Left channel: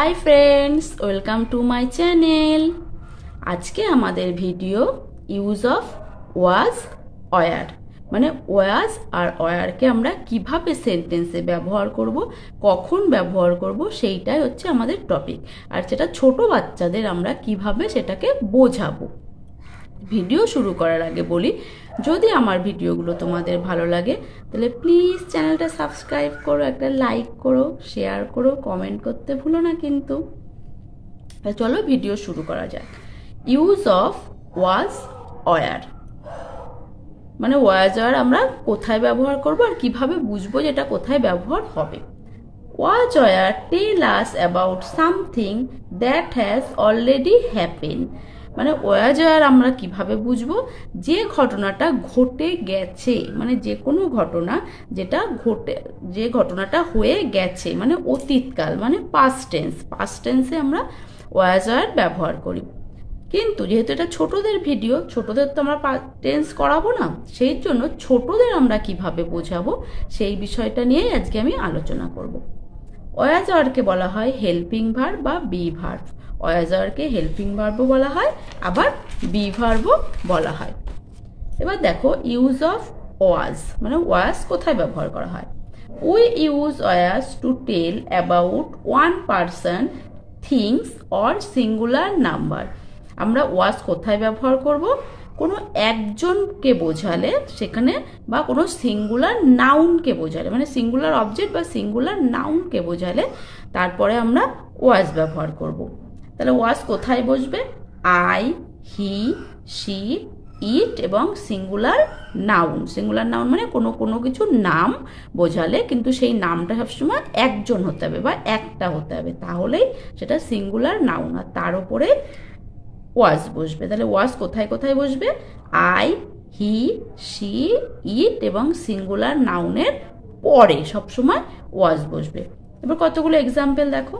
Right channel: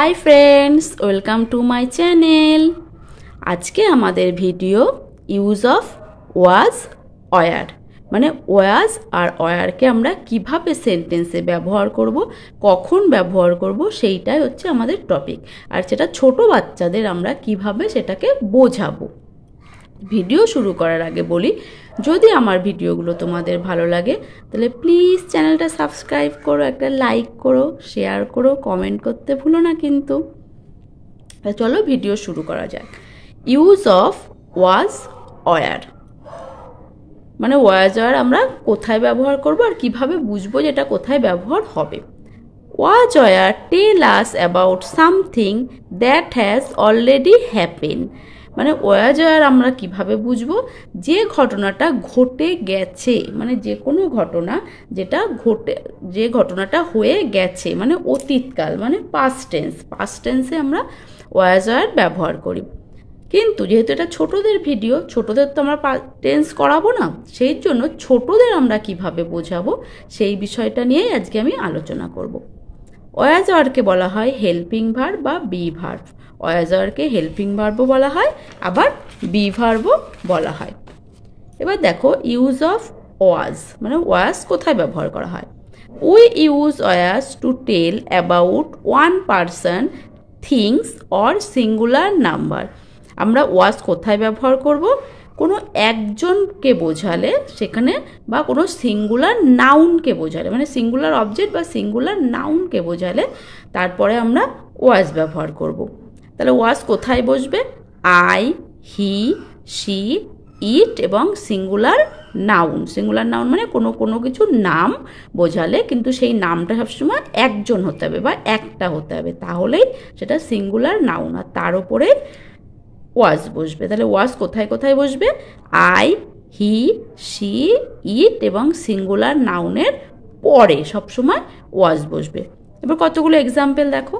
High friends welcome to my channel. आज के हमारे video use of was were মানে ওয়াজ আর ওয়ারকে আমরা কিভাবে সেন্টেন্সে ব্যবহার করব, কখন ব্যবহার করব সেইটাই হচ্ছে আমাদের টপিক। আর সেটা ছোট বাচ্চাদের আমরা কিভাবে সেটাকে বোঝাবো। ভিডিও শুরু করার আগে বলি, যদি আমার ভিডিওগুলো তোমাদের ভালো লাগে তাহলে প্লিজ চ্যানেলটা সাবস্ক্রাইব করো, একটা লাইক করো, শেয়ার করো, কমেন্ট করতে ভুলো না কিন্তু। চলো ভিডিও শুরু করা যাক। ইউজ অফ ওয়াজ ওয়ার মানে ওয়াজ ওয়ার আমরা কোথায় ব্যবহার করব আর কিভাবে বুঝবো যেটা কোথায় ব্যবহার হবে। Was were tell us about something that has already happen মানে ওয়াজ ওয়ার আমরা কিভাবে বুঝবো, যে ঘটনাটা ঘটে গেছে, মানে যে কোনো ঘটনা যেটা যে ঘটনাটা হয়ে গেছে মানে অতীতকাল মানে পাস্ট টেন্সে আমরা ওয়াজ ওয়ার ব্যবহার করি। কিন্তু যেহেতু এটা ছোটদের ভিডিও, ছোটদের তো আমরা টেন্স করাবো না, সেই জন্য ছোটদের আমরা কিভাবে বোঝাবো সেই বিষয়টা নিয়েই আজকে আমি আলোচনা করব। ওয়াজ ওয়ারকে বলা হয় হেল্পিং ভার্ব বা বি ভার্ব। ওয়াজ ওয়ারকে হেল্পিং ভার্বও বলা হয়, আবার বি ভার্বও বলা হয়। এবার দেখো ইউজ অফ ওয়াজ মানে ওয়াজ কোথায় ব্যবহার করা হয়। We use was to tell about one person, things or singular number. আমরা ওয়াজ কোথায় ব্যবহার করব, কোনো একজনকে বোঝালে সেখানে, বা কোনো সিঙ্গুলার নাউনকে বোঝালে মানে সিঙ্গুলার অবজেক্ট বা সিঙ্গুলার নাউনকে বোঝালে তারপরে আমরা ওয়াজ ব্যবহার করব। তাহলে ওয়াজ কোথায় বসবে, আই, হি, শি, ইট এবং সিঙ্গুলার নাউন মানে কোনো কিছু নাম বোঝালে কিন্তু সেই নামটা সবসময় একজন হতে হবে বা একটা হতে হবে, তাহলেই সেটা সিঙ্গুলার নাউন আর তার উপরে ওয়াজ বসবে। তাহলে ওয়াজ কোথায় কোথায় বসবে, আই, হি, শি, ইট এবং সিঙ্গুলার নাউনের পরে সবসময় ওয়াজ বসবে। এবার কতগুলো এক্সাম্পল দেখো।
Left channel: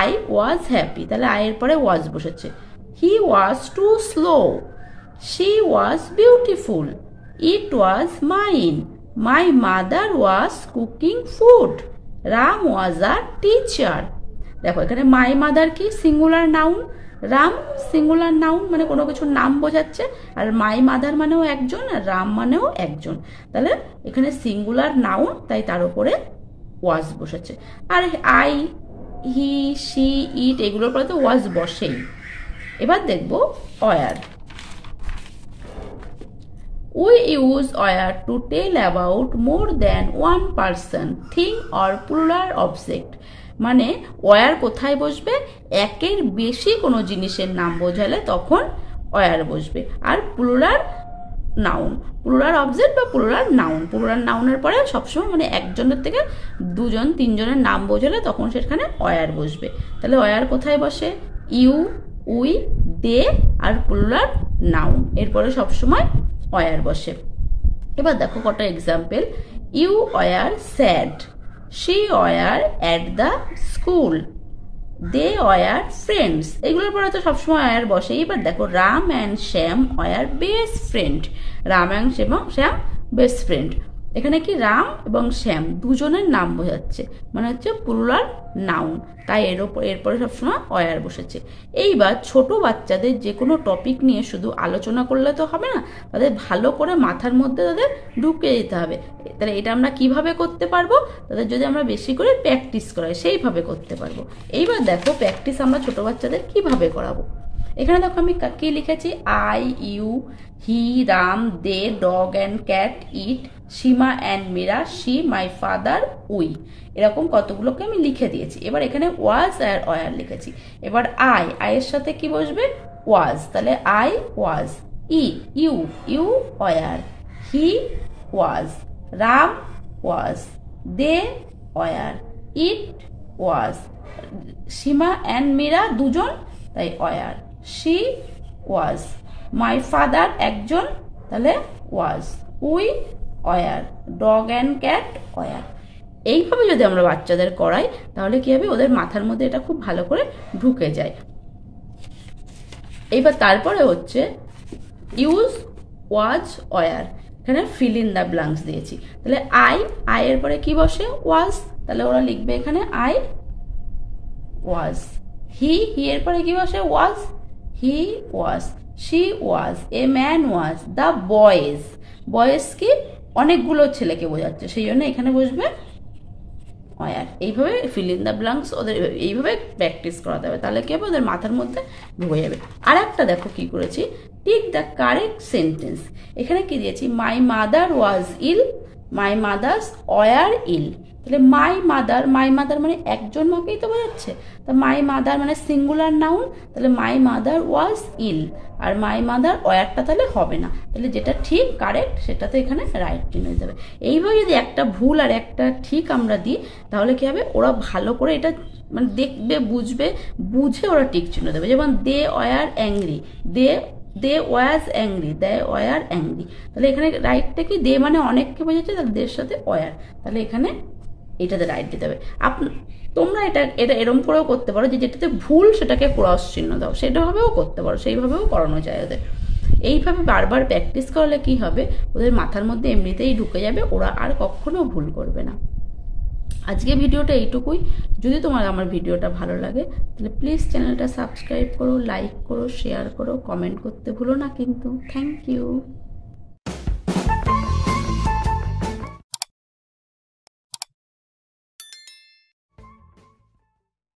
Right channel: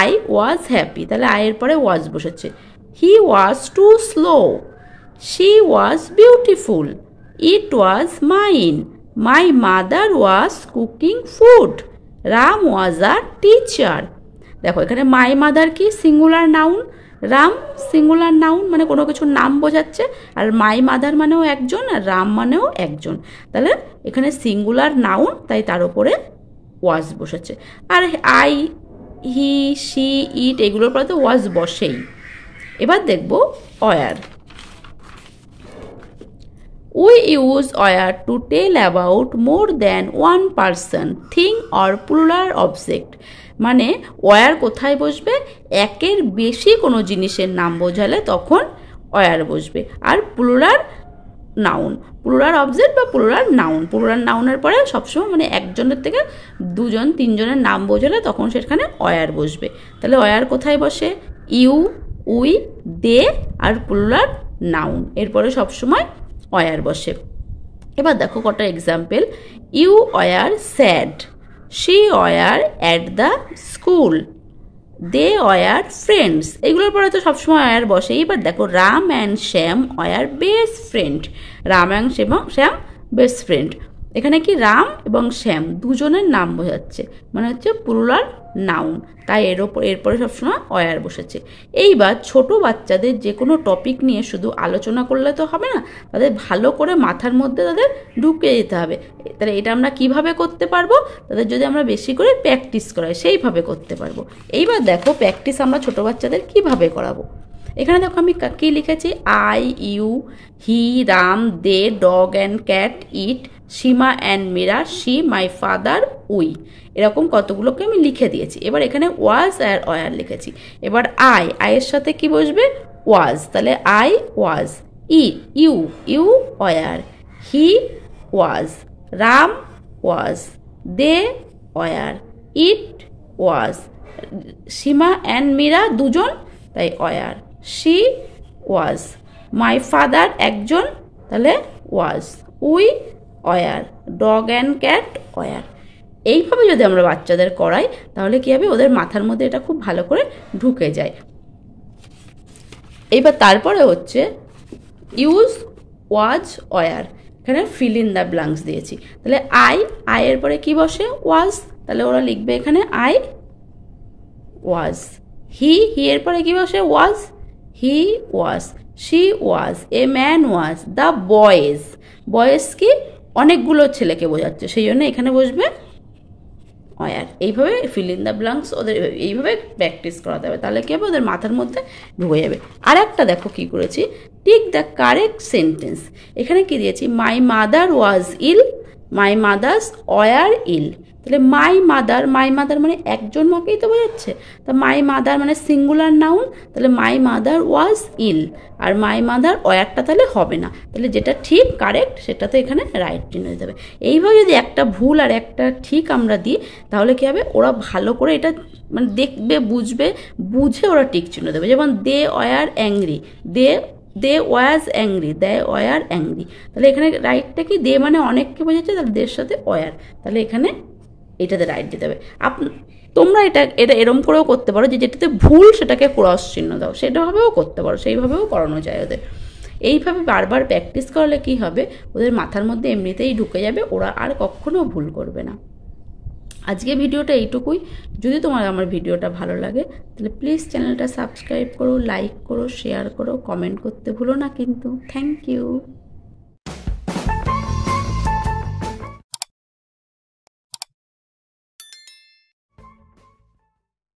আই ওয়াজ হ্যাপি, তাহলে আয়ের পরে ওয়াজ বসেছে। He was too slow, she was beautiful, it was mine, my mother was cooking food, Ram was a teacher. দেখো এখানে মাই মাদার কি singular noun, Ram singular noun মানে কোনো কিছুর নাম বোঝাচ্ছে, আর মাই মাদার মানেও একজন আর রাম মানেও একজন। তাহলে এখানে সিঙ্গুলার নাউন, তাই তার উপরে ওয়াজ বসেছে। আর আই, হি, শি, ইট এগুলোর পরে তো ওয়াজ বসেই। এবার দেখব were. We use were to tell about more than one person, thing or plural object মানে ওয়ার কোথায় বসবে, একের বেশি কোনো জিনিসের নাম বোঝালে তখন ওয়ার বসবে। আর প্লুরাল অবজেক্ট বা প্লুরাল নাউনের পরে সবসময় মানে একজনের থেকে দুজন তিনজনের নাম বোঝালে তখন সেখানে ওয়ার বসবে। তাহলে ওয়ার কোথায় বসে, ইউ, উই, দে আর প্লুরাল নাউন এরপরে সবসময় ওয়ার বসে। এবার দেখো কটা example. You were sad, she were at the school, they were friends এগুলোর পরে তো সবসময় ওয়ার বসে। এবার দেখো Ram and Shyam were best friend, Ram and Shyam best friend. এখানে কি রাম এবং শ্যাম দুজনের নাম বোঝাচ্ছে মানে হচ্ছে প্লুরাল নাউন, তাই এরপরে সবসময় ওয়ার বসেছে। এইবার ছোট বাচ্চাদের যে কোনো টপিক নিয়ে শুধু আলোচনা করলে তো হবে না, তাদের ভালো করে মাথার মধ্যে তাদের ঢুকিয়ে দিতে হবে। তাহলে এটা আমরা কিভাবে করতে পারবো, তাদের যদি আমরা বেশি করে প্র্যাকটিস করাই সেইভাবে করতে পারবো। এইবার দেখো প্র্যাকটিস আমরা ছোট বাচ্চাদের কিভাবে করাবো। এখানে দেখো আমি কি লিখেছি, I, you, he, Ram, they, dog and cat, it, Seema and Meera, she, my father, we, এরকম কতগুলোকে আমি লিখে দিয়েছি। এবার এখানে ওয়াজ আর ওয়ার লিখেছি। এবার আয়ের সাথে কি বসবে, ওয়াজ, তাহলে I was, you were, he was, Ram was, they were, it was, Seema and Meera দুজন তাই were, she was, my father একজন তাহলে was, we were, dog and cat were. এইভাবে যদি আমরা বাচ্চাদের করাই তাহলে কি হবে, ওদের মাথার মধ্যে এটা খুব ভালো করে ঢুকে যায়। এইবার তারপরে হচ্ছে ইউজ ওয়াজ ওয়ার, এখানে ফিল ইন দ্য ব্ল্যাঙ্কস দিয়েছি। তাহলে আয়ের পরে কি বসে, ওয়াজ, তাহলে ওরা লিখবে এখানে আই ওয়াজ, হি এর পরে কি বসে was, he was, she was, a man was, the boys, boys কি অনেকগুলো ছেলেকে বোঝাচ্ছে, সেই জন্য এখানে বসবে ওয়ার। এইভাবে ফিল ইন দ্য ব্ল্যাঙ্কস ওদের এইভাবে প্র্যাকটিস করাতে হবে, তাহলে কি হবে ওদের মাথার মধ্যে ঢুকে যাবে। আর একটা দেখো কি করেছি, টিক দ্য কারেক্ট সেন্টেন্স। এখানে কি দিয়েছি, my mother was ill, my mothers were ill. তাহলে মাই মাদার মানে একজন মাকেই তো বোঝাচ্ছে, তা মাই মাদার মানে সিঙ্গুলার নাউন, তাহলে my mother was ill, R my mother ওয়ারটা তাহলে হবে না, তাহলে যেটা ঠিক কারেক্ট সেটা তো এখানে রাইট চিহ্ন দিতে হবে। এইভাবে যদি একটা ভুল আর একটা ঠিক আমরা দিই তাহলে কি হবে, ওরা ভালো করে এটা মানে দেখবে, বুঝে ওরা টিক চিহ্ন দেবে। যেমন they were angry, they was angry, they were angry, তাহলে এখানে রাইটটা কি, দে মানে অনেককে বোঝাচ্ছে, তাহলে দের সাথে ওয়ার, তাহলে এখানে এটাতে রাইট দিতে হবে। তোমরা এটা এরম করেও করতে পারো, যে যেটাতে ভুল সেটাকে ক্রস চিহ্ন দাও, সেটাভাবেও করতে পারো, সেইভাবেও করানো যায় ওদের। এইভাবে বারবার প্র্যাকটিস করলে কি হবে, ওদের মাথার মধ্যে এমনিতেই ঢুকে যাবে, ওরা আর কখনো ভুল করবে না। আজকে ভিডিওটা এইটুকুই। যদি তোমার আমার ভিডিওটা ভালো লাগে তাহলে প্লিজ চ্যানেলটা সাবস্ক্রাইব করো, লাইক করো, শেয়ার করো, কমেন্ট করতে ভুলো না কিন্তু। Thank you.